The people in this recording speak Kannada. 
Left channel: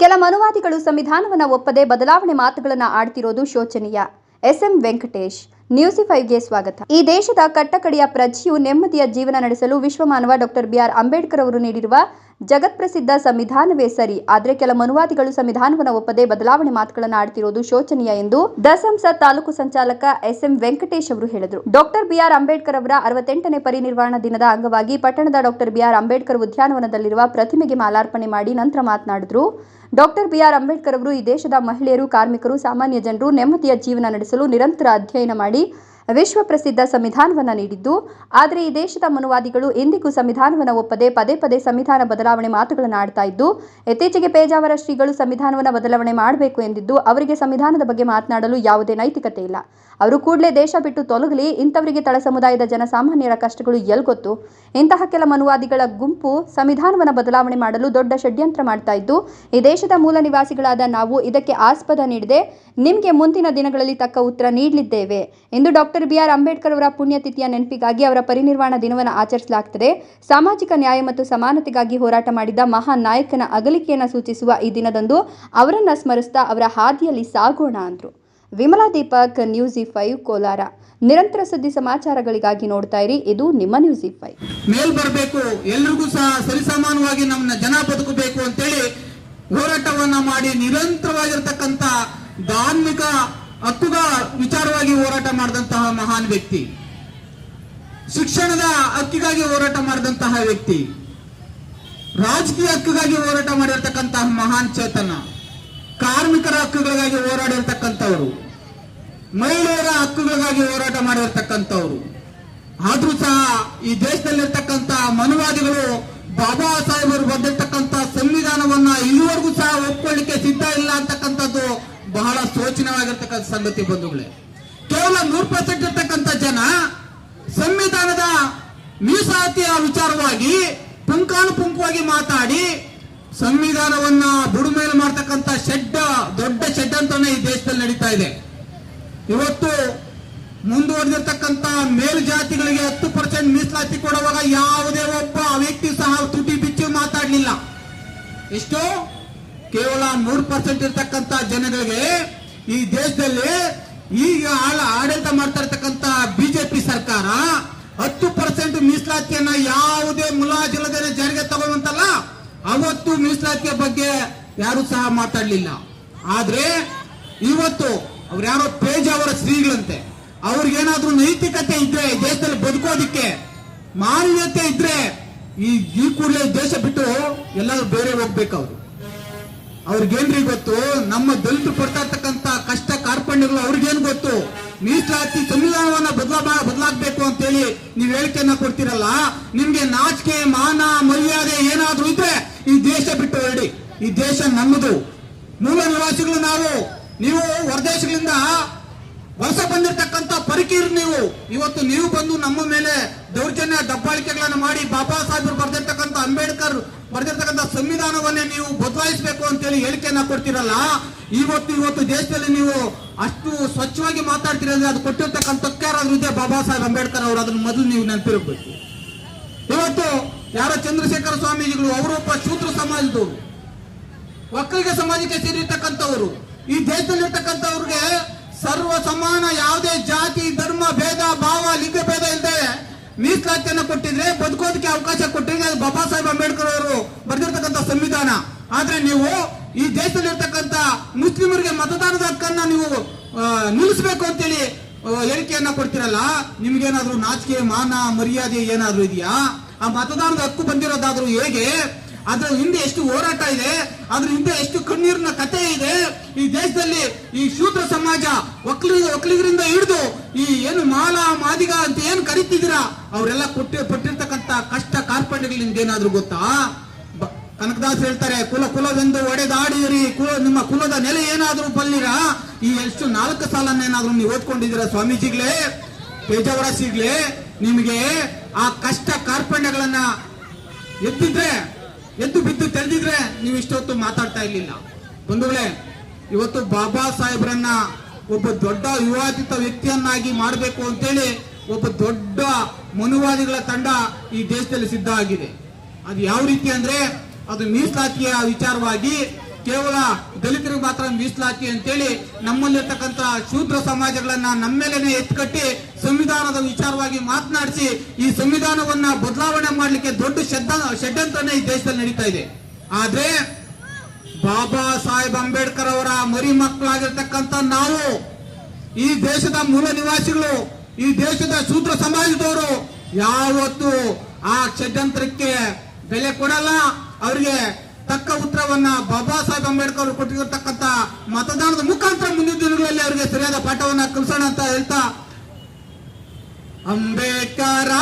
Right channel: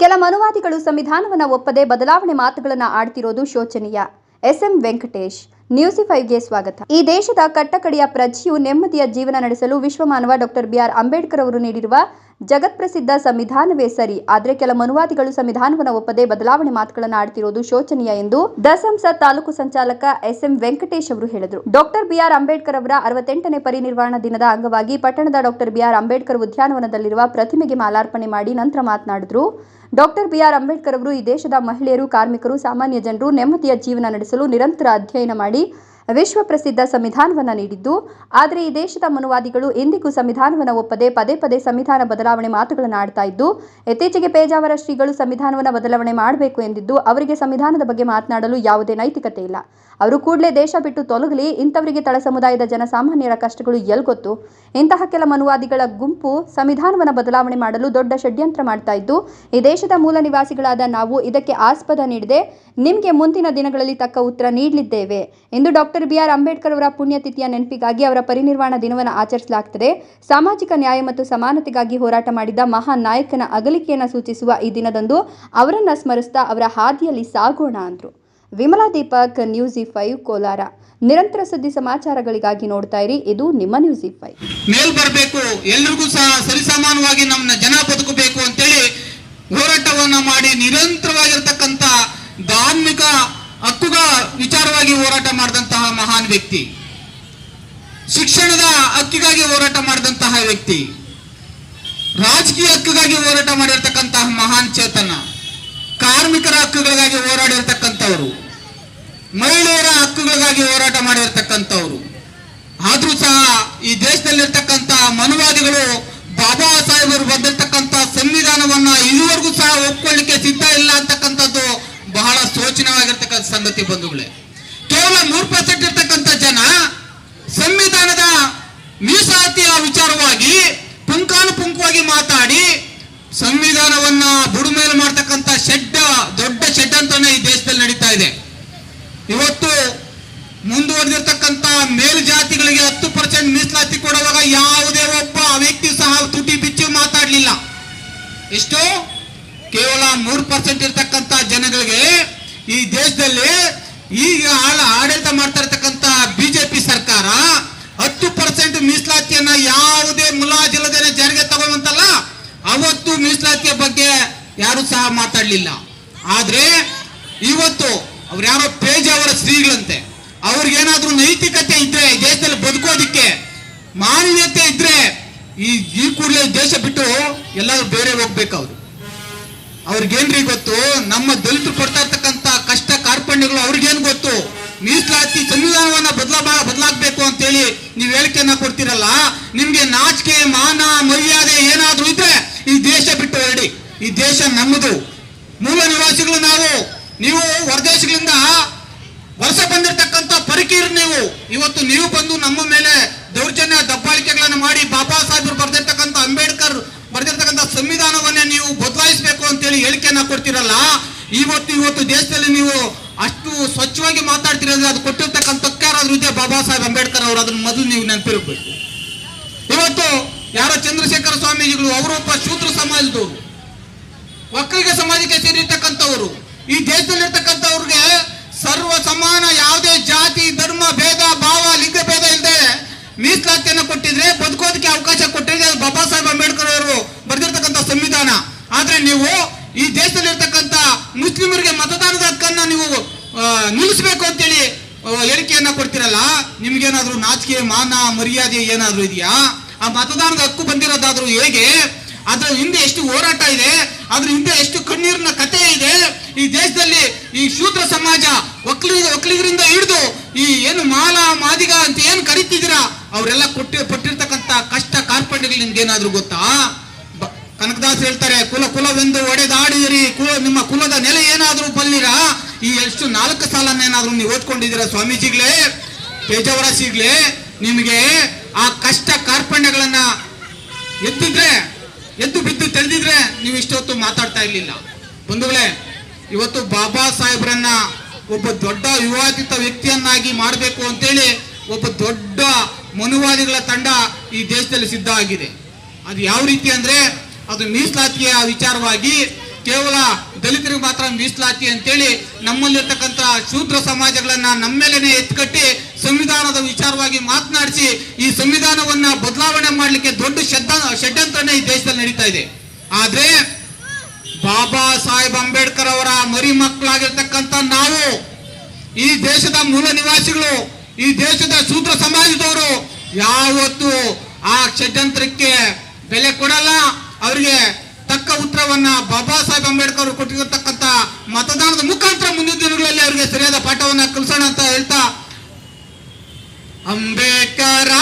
ಕೆಲ ಮನುವಾದಿಗಳು ಸಂವಿಧಾನವನ್ನು ಒಪ್ಪದೆ ಬದಲಾವಣೆ ಮಾತುಗಳನ್ನು ಆಡ್ತಿರೋದು ಶೋಚನೀಯ. ಎಸ್ಎಂ ವೆಂಕಟೇಶ್, ನ್ಯೂಸಿ ಫೈವ್ಗೆ ಸ್ವಾಗತ. ಈ ದೇಶದ ಕಟ್ಟಕಡೆಯ ಪ್ರಜೆಯು ನೆಮ್ಮದಿಯ ಜೀವನ ನಡೆಸಲು ವಿಶ್ವಮಾನವ ಡಾಕ್ಟರ್ ಬಿಆರ್ ಅಂಬೇಡ್ಕರ್ ಅವರು ನೀಡಿರುವ ಜಗತ್ಪ್ರಸಿದ್ಧ ಸಂವಿಧಾನವೇ ಸರಿ, ಆದರೆ ಕೆಲ ಮನುವಾದಿಗಳು ಸಂವಿಧಾನವನ್ನು ಒಪ್ಪದೆ ಬದಲಾವಣೆ ಮಾತುಗಳನ್ನು ಆಡ್ತಿರೋದು ಶೋಚನೀಯ ಎಂದು ದಸಂಸ ತಾಲೂಕು ಸಂಚಾಲಕ ಎಸ್ಎಂ ವೆಂಕಟೇಶ್ ಅವರು ಹೇಳಿದರು. ಡಾಕ್ಟರ್ ಬಿಆರ್ ಅಂಬೇಡ್ಕರ್ ಅವರ ಅರವತ್ತೆಂಟನೇ ಪರಿನಿರ್ವಾಣ ದಿನದ ಅಂಗವಾಗಿ ಪಟ್ಟಣದ ಡಾಕ್ಟರ್ ಬಿಆರ್ ಅಂಬೇಡ್ಕರ್ ಉದ್ಯಾನವನದಲ್ಲಿರುವ ಪ್ರತಿಮೆಗೆ ಮಾಲಾರ್ಪಣೆ ಮಾಡಿ ನಂತರ ಮಾತನಾಡಿದರು. ಡಾಕ್ಟರ್ ಬಿಆರ್ ಅಂಬೇಡ್ಕರ್ ಅವರು ಈ ದೇಶದ ಮಹಿಳೆಯರು, ಕಾರ್ಮಿಕರು, ಸಾಮಾನ್ಯ ಜನರು ನೆಮ್ಮದಿಯ ಜೀವನ ನಡೆಸಲು ನಿರಂತರ ಅಧ್ಯಯನ ಮಾಡಿ ವಿಶ್ವ ಪ್ರಸಿದ್ಧ ಸಂವಿಧಾನವನ್ನು ನೀಡಿದ್ದು, ಆದರೆ ಈ ದೇಶದ ಮನುವಾದಿಗಳು ಎಂದಿಗೂ ಸಂವಿಧಾನವನ್ನು ಒಪ್ಪದೆ ಪದೇ ಪದೇ ಸಂವಿಧಾನ ಬದಲಾವಣೆ ಮಾತುಗಳನ್ನು ಆಡ್ತಾ ಇದ್ದು ಇತ್ತೀಚೆಗೆ ಪೇಜಾವರ ಶ್ರೀಗಳು ಸಂವಿಧಾನವನ್ನು ಬದಲಾವಣೆ ಮಾಡಬೇಕು ಎಂದಿದ್ದು, ಅವರಿಗೆ ಸಂವಿಧಾನದ ಬಗ್ಗೆ ಮಾತನಾಡಲು ಯಾವುದೇ ನೈತಿಕತೆ ಇಲ್ಲ. ಅವರು ಕೂಡಲೇ ದೇಶ ಬಿಟ್ಟು ತೊಲಗಲಿ, ಇಂಥವರಿಗೆ ತಳ ಸಮುದಾಯದ ಜನಸಾಮಾನ್ಯರ ಕಷ್ಟಗಳು ಎಲ್ಗೊತ್ತು. ಇಂತಹ ಕೆಲ ಮನುವಾದಿಗಳ ಗುಂಪು ಸಂವಿಧಾನವನ್ನು ಬದಲಾವಣೆ ಮಾಡಲು ದೊಡ್ಡ ಷಡ್ಯಂತ್ರ ಮಾಡ್ತಾ ಇದ್ದು, ಈ ದೇಶದ ಮೂಲ ನಿವಾಸಿಗಳಾದ ನಾವು ಇದಕ್ಕೆ ಆಸ್ಪದ ನೀಡದೆ ನಿಮಗೆ ಮುಂದಿನ ದಿನಗಳಲ್ಲಿ ತಕ್ಕ ಉತ್ತರ ನೀಡಲಿದ್ದೇವೆ ಎಂದು ಡಾಕ್ಟರ್ ಬಿಆರ್ ಅಂಬೇಡ್ಕರ್ ಅವರ ಪುಣ್ಯತಿಥಿಯ ನೆನಪಿಗಾಗಿ ಅವರ ಪರಿನಿರ್ವಾಣ ದಿನವನ್ನು ಆಚರಿಸಲಾಗುತ್ತದೆ ಸಾಮಾಜಿಕ ನ್ಯಾಯ ಮತ್ತು ಸಮಾನತೆಗಾಗಿ ಹೋರಾಟ ಮಾಡಿದ ಮಹಾನ್ ನಾಯಕನ ಅಗಲಿಕೆಯನ್ನು ಸೂಚಿಸುವ ಈ ದಿನದಂದು ಅವರನ್ನ ಸ್ಮರಿಸ್ತಾ ಅವರ ಹಾದಿಯಲ್ಲಿ ಸಾಗೋಣ ಅಂದರು. Vimala Deepak, news five, Kolar. ನಿರಂತರ ಸುದ್ದಿ ಸಮಾಚಾರಗಳಿಗಾಗಿ ನೋಡ್ತಾ ಇರಿ. ಇದು ನಿಮ್ಮ ನ್ಯೂಸ್ ಫೈವ್. ಮೇಲ್ ಬರಬೇಕು, ಎಲ್ರಿಗೂ ಸಹ ಸರಿಸಮಾನವಾಗಿ ನಮ್ಮನ್ನ ಜನ ಬದುಕಬೇಕು ಅಂತೇಳಿ ಹೋರಾಟವನ್ನ ಮಾಡಿ ನಿರಂತರವಾಗಿರ್ತಕ್ಕಂಥ ಧಾರ್ಮಿಕ ಹಕ್ಕುಗಳ ವಿಚಾರವಾಗಿ ಹೋರಾಟ ಮಾಡಿದಂತಹ ಮಹಾನ್ ವ್ಯಕ್ತಿ. ಶಿಕ್ಷಣದ ಹಕ್ಕಿಗಾಗಿ ಹೋರಾಟ ಮಾಡಿದಂತಹ ವ್ಯಕ್ತಿ. ರಾಜಕೀಯ ಹಕ್ಕಿಗಾಗಿ ಹೋರಾಟ ಮಾಡಿರ್ತಕ್ಕಂತಹ ಮಹಾನ್ ಚೇತನ. ಕಾರ್ಮಿಕರ ಹಕ್ಕುಗಳಿಗಾಗಿ ಹೋರಾಡಿರ್ತಕ್ಕಂಥವ್ರು. ಮಹಿಳೆಯರ ಹಕ್ಕುಗಳಿಗಾಗಿ ಹೋರಾಟ ಮಾಡಿರ್ತಕ್ಕಂಥವ್ರು. ಆದ್ರೂ ಸಹ ಈ ದೇಶದಲ್ಲಿರ್ತಕ್ಕಂಥ ಮನುವಾದಿಗಳು ಬಾಬಾ ಸಾಹೇಬರು ಬಂದಿರತಕ್ಕಂತಹ ಸಂವಿಧಾನವನ್ನ ಇದುವರೆಗೂ ಸಹ ಒಪ್ಕೊಳ್ಳಿಕ್ಕೆ ಸಿದ್ಧ ಇಲ್ಲ ಶೋಚನವಾಗಿರ್ತಕ್ಕಂಥ ಸಂಗತಿ ಬಂಧುಗಳೇ, ಕೇವಲ ಮೂರು ಪರ್ಸೆಂಟ್ ಇರ್ತಕ್ಕಂಥ ಜನ ಸಂವಿಧಾನದ ಮೀಸಲಾತಿಯ ವಿಚಾರವಾಗಿ ಪುಂಕಾನುಪುಂಕವಾಗಿ ಮಾತಾಡಿ ಸಂವಿಧಾನವನ್ನ ಬುಡುಮೇಲೆ ಮಾಡ್ತಕ್ಕಂಥ ಶೆಡ್ ದೊಡ್ಡ ಶೆಡ್ ಅಂತಾನೆ ಈ ದೇಶದಲ್ಲಿ ನಡೀತಾ ಇದೆ. ಇವತ್ತು ಮುಂದುವರೆದಿರ್ತಕ್ಕಂಥ ಮೇಲ್ಜಾತಿಗಳಿಗೆ ಹತ್ತು ಪರ್ಸೆಂಟ್ ಮೀಸಲಾತಿ ಕೊಡುವಾಗ ಯಾವುದೇ ಒಬ್ಬ ವ್ಯಕ್ತಿ ಸಹ ತುಟಿ ಬಿಚ್ಚಿ ಮಾತಾಡಲಿಲ್ಲ. ಎಷ್ಟು? ಕೇವಲ ಮೂರು ಪರ್ಸೆಂಟ್ ಇರ್ತಕ್ಕಂಥ ಜನಗಳಿಗೆ ಈ ದೇಶದಲ್ಲಿ ಈಗ ಆಡಳಿತ ಮಾಡ್ತಾ ಇರ್ತಕ್ಕಂಥ ಬಿಜೆಪಿ ಸರ್ಕಾರ ಹತ್ತು ಪರ್ಸೆಂಟ್ ಮೀಸಲಾತಿಯನ್ನ ಯಾವುದೇ ಮುಲಾಜಿಲ್ಲದೇನೆ ಜಾರಿಗೆ ತಗೊಂಡಂತಲ್ಲ ಅವತ್ತು ಮೀಸಲಾತಿಯ ಬಗ್ಗೆ ಯಾರು ಸಹ ಮಾತಾಡ್ಲಿಲ್ಲ. ಆದ್ರೆ ಇವತ್ತು ಅವ್ರು ಯಾರೋ ಪೇಜಾವರ ಶ್ರೀಗಳಂತೆ ಅವ್ರಿಗೇನಾದ್ರೂ ನೈತಿಕತೆ ಇದ್ರೆ ದೇಶದಲ್ಲಿ ಬದುಕೋದಿಕ್ಕೆ ಮಾನ್ಯತೆ ಇದ್ರೆ ಈ ಈ ಕೂಡಲೇ ದೇಶ ಬಿಟ್ಟು ಎಲ್ಲಾದ್ರೂ ಬೇರೆ ಹೋಗ್ಬೇಕು ಅವ್ರು. ಅವ್ರಿಗೇನ್ರಿ ಗೊತ್ತು, ನಮ್ಮ ದಲಿತರು ಪಡ್ತಾ ಇರ್ತಕ್ಕಂತ ಗೊತ್ತು ಮೀಸಲಾತಿ ಸಂವಿಧಾನವನ್ನ ಬದಲ ಬದಲಾಗಬೇಕು ಅಂತೇಳಿ ನೀವು ಹೇಳಿಕೆಯನ್ನ ಕೊಡ್ತಿರಲ್ಲ, ನಿಮ್ಗೆ ನಾಚಿಕೆ, ಮಾನ, ಮರ್ಯಾದೆ ಏನಾದ್ರೂ ಇದ್ರೆ ಈ ದೇಶ ಬಿಟ್ಟು ಹೇಳಿ ಈ ದೇಶ ನಮ್ಮದು ಮೂಲ ನಿವಾಸಿಗಳು ನಾವು. ನೀವು ಹೊರದೇಶಗಳಿಂದ ವಲಸೆ ಬಂದಿರತಕ್ಕಂತ ಪರಿಕೀರ್ ನೀವು. ಇವತ್ತು ನೀವು ಬಂದು ನಮ್ಮ ಮೇಲೆ ದೌರ್ಜನ್ಯ, ದಬ್ಬಾಳಿಕೆಗಳನ್ನು ಮಾಡಿ ಬಾಬಾ ಸಾಹೇಬರು ಬರೆದಿರ್ತಕ್ಕಂಥ ಅಂಬೇಡ್ಕರ್ ಬರೆದಿರ್ತಕ್ಕಂಥ ಸಂವಿಧಾನವನ್ನೇ ನೀವು ಬದಲಾಯಿಸಬೇಕು ಅಂತೇಳಿ ಹೇಳಿಕೆಯನ್ನ ಕೊಡ್ತಿರಲ್ಲ ಇವತ್ತು ಇವತ್ತು ದೇಶದಲ್ಲಿ ನೀವು ಅಷ್ಟು ಸ್ವಚ್ಛವಾಗಿ ಮಾತಾಡ್ತಿರೋದ್ರೆ ಅದು ಕೊಟ್ಟಿರ್ತಕ್ಕಂಥ ಇದೆ. ಬಾಬಾ ಸಾಹೇಬ್ ಅಂಬೇಡ್ಕರ್ ಅವರು ಅದನ್ನ ಮೊದಲು ನೀವು ನೆನಪಿರಬೇಕು. ಇವತ್ತು ಯಾರೋ ಚಂದ್ರಶೇಖರ ಸ್ವಾಮೀಜಿಗಳು, ಅವರೊಬ್ಬ ಶೂದ್ರ ಸಮಾಜದವರು, ಒಕ್ಕಲಿಗ ಸಮಾಜಕ್ಕೆ ಸೇರಿರ್ತಕ್ಕಂಥವರು, ಈ ದೇಶದಲ್ಲಿರ್ತಕ್ಕಂಥವ್ರಿಗೆ ಸರ್ವ ಸಮಾನ ಯಾವುದೇ ಜಾತಿ, ಧರ್ಮ, ಭೇದ, ಭಾವ, ಲಿಂಗ ಭೇದ ಇಲ್ಲದೆ ಮೀಸಲಾತಿಯನ್ನು ಕೊಟ್ಟಿದ್ರೆ, ಬದುಕೋದಕ್ಕೆ ಅವಕಾಶ ಕೊಟ್ಟಿದ್ರೆ ಅದು ಬಾಬಾ ಸಾಹೇಬ್ ಅಂಬೇಡ್ಕರ್ ಅವರು ಬರೆದಿರ್ತಕ್ಕಂಥ ಸಂವಿಧಾನ. ಆದ್ರೆ ನೀವು ಈ ದೇಶದಲ್ಲಿ ದೇಶದಲ್ಲಿರ್ತಕ್ಕಂಥ ಮುಸ್ಲಿಮರಿಗೆ ಮತದಾನದ ಹಕ್ಕನ್ನ ನೀವು ನಿಲ್ಲಿಸಬೇಕು ಅಂತೇಳಿ ಹೇಳಿಕೆಯನ್ನ ಕೊಡ್ತಿರಲ್ಲ? ನಿಮ್ಗೇನಾದ್ರೂ ನಾಚಿಕೆ, ಮಾನ, ಮರ್ಯಾದೆ ಏನಾದ್ರೂ ಇದೆಯಾ? ಆ ಮತದಾನದ ಹಕ್ಕು ಬಂದಿರೋದಾದ್ರೂ ಹೇಗೆ? ಅದ್ರ ಹಿಂದೆ ಎಷ್ಟು ಹೋರಾಟ ಇದೆ? ಅದ್ರ ಹಿಂದೆ ಎಷ್ಟು ಕಣ್ಣೀರಿನ ಕಥೆ ಇದೆ? ಈ ದೇಶದಲ್ಲಿ ಈ ಶೂದ್ರ ಸಮಾಜ ಒಕ್ಕಲಿಗ ಒಕ್ಕಲಿಗರಿಂದ ಹಿಡಿದು ಈ ಏನು ಮಾಲ, ಮಾದಿಗ ಅಂತ ಏನ್ ಕರಿತಿದ್ದೀರಾ? ಅವರೆಲ್ಲ ಕೊಟ್ಟಿ ಪಟ್ಟಿರ್ತಕ್ಕಂತ ಕಷ್ಟ ಕಾರ್ಪಣ್ಯಗಳು ನಿಮ್ಗೆ ಏನಾದ್ರೂ ಗೊತ್ತಾ? ಕನಕದಾಸ್ ಹೇಳ್ತಾರೆ, ಕುಲ ಕುಲವೆಂದು ಒಡೆದಾಡಿದಿರಿ. ಕುಲ, ನಿಮ್ಮ ಕುಲದ ನೆಲೆ ಏನಾದರೂ ಬಲ್ಲಿರ? ಈ ಎಷ್ಟು ನಾಲ್ಕು ಸಾಲನ್ನೇನಾದ್ರೂ ನೀವು ಓದ್ಕೊಂಡಿದ್ದೀರಾ ಸ್ವಾಮೀಜಿಗಳೇ? ಪೇಜಾವರ ಶ್ರೀಗಳೇ ನಿಮಗೆ ಆ ಕಷ್ಟ ಕಾರ್ಪಣ್ಯಗಳನ್ನ ಎದ್ದಿದ್ರೆ ಎದ್ದು ಬಿದ್ದು ತೆಳೆದಿದ್ರೆ ನೀವು ಇಷ್ಟೊತ್ತು ಮಾತಾಡ್ತಾ ಇರ್ಲಿಲ್ಲ. ಬಂಧುಗಳೇ, ಇವತ್ತು ಬಾಬಾ ಸಾಹೇಬ್ರನ್ನ ಒಬ್ಬ ದೊಡ್ಡ ವಿವಾದಿತ ವ್ಯಕ್ತಿಯನ್ನಾಗಿ ಮಾಡಬೇಕು ಅಂತೇಳಿ ಒಬ್ಬ ದೊಡ್ಡ ಮನುವಾದಿಗಳ ತಂಡ ಈ ದೇಶದಲ್ಲಿ ಸಿದ್ಧ ಆಗಿದೆ. ಅದು ಯಾವ ರೀತಿ ಅಂದ್ರೆ ಅದು ಮೀಸಲಾತಿಯ ವಿಚಾರವಾಗಿ ಕೇವಲ ದಲಿತರಿಗೆ ಮಾತ್ರ ಮೀಸಲಾತಿ ಅಂತೇಳಿ ನಮ್ಮಲ್ಲಿರ್ತಕ್ಕಂಥ ಶೂದ್ರ ಸಮಾಜಗಳನ್ನ ನಮ್ಮೇಲೆನೆ ಎತ್ಕಟ್ಟಿ ಸಂವಿಧಾನದ ವಿಚಾರವಾಗಿ ಮಾತನಾಡಿಸಿ ಈ ಸಂವಿಧಾನವನ್ನ ಬದಲಾವಣೆ ಮಾಡಲಿಕ್ಕೆ ದೊಡ್ಡ ಷಡ್ಯಂತ್ರನೇ ಈ ದೇಶದಲ್ಲಿ ನಡೀತಾ ಇದೆ. ಆದ್ರೆ ಬಾಬಾ ಸಾಹೇಬ್ ಅಂಬೇಡ್ಕರ್ ಅವರ ಮರಿ ಮಕ್ಕಳಾಗಿರ್ತಕ್ಕಂಥ ನಾವು, ಈ ದೇಶದ ಮೂಲ ನಿವಾಸಿಗಳು, ಈ ದೇಶದ ಶೂದ್ರ ಸಮಾಜದವರು ಯಾವತ್ತು ಆ ಷಡ್ಯಂತ್ರಕ್ಕೆ ಬೆಲೆ ಕೊಡಲ್ಲ. ಅವರಿಗೆ ತಕ್ಕ ಉತ್ತರವನ್ನ ಬಾಬಾ ಸಾಹೇಬ್ ಅಂಬೇಡ್ಕರ್ ಅವರು ಕೊಟ್ಟಿರತಕ್ಕಂತ ಮತದಾನದ ಮುಖಾಂತರ ಮುಂದಿನ ದಿನಗಳಲ್ಲಿ ಅವರಿಗೆ ಸರಿಯಾದ ಪಾಠವನ್ನ ಕಲಿಸೋಣ ಅಂತ ಹೇಳ್ತಾ, ಅಂಬೇಡ್ಕರ